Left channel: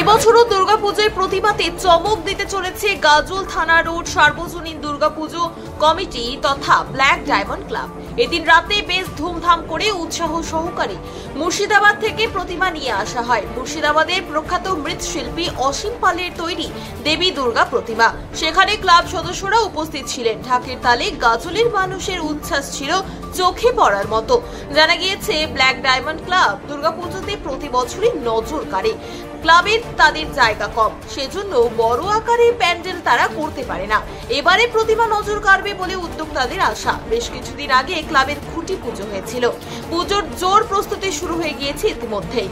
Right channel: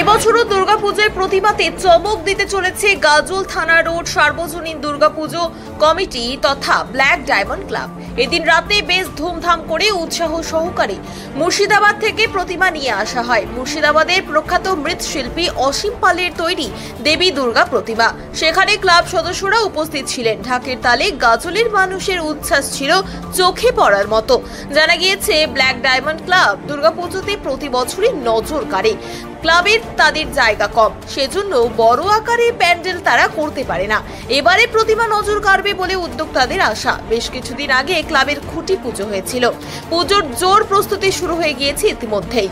এবছরও দুর্গাপুজোর প্রতিমাতে চমক দিতে চলেছে গাজল থানা রোড সার্বজনীন দুর্গাপুজো কমিটি তথা ব্ল্যাক ডায়মন্ড ক্লাব। এদিন রাতে বেশ ধুমধাম করে উৎসাহ সহকারে মুর্শিদাবাদ থেকে প্রতিমা নিয়ে আসা হয়। মুর্শিদাবাদের প্রখ্যাত মৃৎশিল্পী অসীম পালের তৈরি দেবী দুর্গা প্রতিমা। সেখানে ক্লাব সদস্যরা উপস্থিত ছিলেন। ঢাকের তালে গাজলের মানুষের উচ্ছ্বাস ছিল চোখে পড়ার মতো। জানা গিয়েছে ব্ল্যাক ডায়মন্ড ক্লাব দুর্গাপুজোতে প্রতি বছরই নজর কাড়ে। ক্লাবের তাদের জায়গা কম, সেজন্য বড় আকারে প্যান্ডেল তারা করতে পারে না। এবারে প্রতিমা নজর কাড়বে বলে উদ্যোক্তাদের আশা। বেশ কিছুদিন আগে ক্লাবের খুঁটি পুজো হয়েছিল। পুজোর জোর প্রস্তুতি শুরু হয়ে গিয়েছে ইতিমধ্যেই।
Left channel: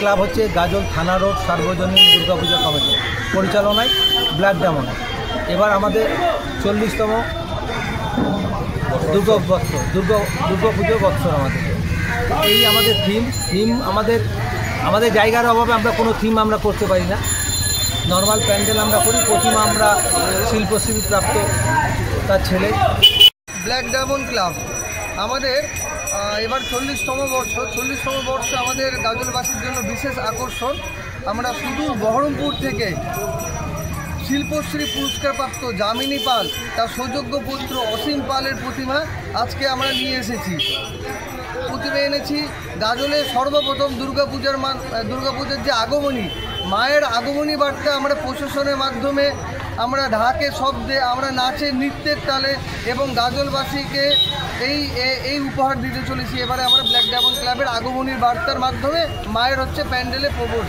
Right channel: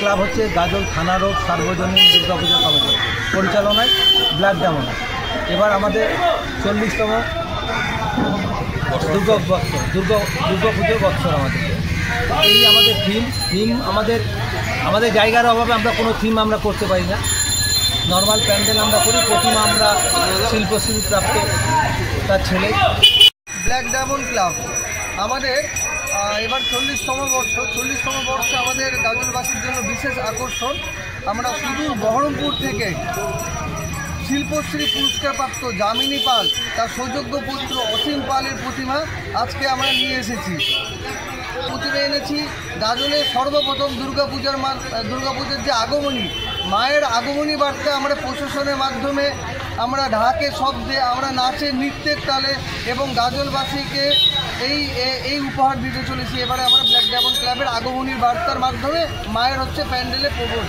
ক্লাব হচ্ছে গাজল থানা রোড সার্বজনীন দুর্গাপূজা কমিটি পরিচালনায় ব্ল্যাক ডায়মন্ড। এবার আমাদের 40তম দুর্গাপুজোর বছর। এই আমাদের থিম আমাদের জায়গার অভাবে আমরা কোনো থিম আমরা করতে পারি না। নর্মাল প্যান্ডেল আমরা করি। প্রতিমা আমরা শিল্পশ্রী প্রাপ্ত তার ছেলে। ব্ল্যাক ডায়মন্ড ক্লাব আমাদের এবার 40তম বর্ষে আমাদের গাজলবাসীর জন্য বিশেষ আকর্ষণ। আমরা সুদূর বহরমপুর থেকে শিল্পশ্রী পুরস্কারপ্রাপ্ত যামিনী পাল তার সুযোগ্য পুত্র অসীম পালের প্রতিমা আজকে আমরা নিয়ে এসেছি। প্রতিমা এনেছি গাজলে সর্বপ্রথম দুর্গাপূজার যে আগমনী, মায়ের আগমনী বার্তা আমরা প্রশাসনের মাধ্যমে, আমরা ঢাকের শব্দে, আমরা নাচের নৃত্যের তালে এবং গাজলবাসীকে এই উপহার দিতে চলেছি। এবারে আমরা ব্ল্যাক ডায়মন্ড ক্লাবের আগমনীর বার্তার মাধ্যমে মায়ের প্যান্ডেলে প্রবেশ।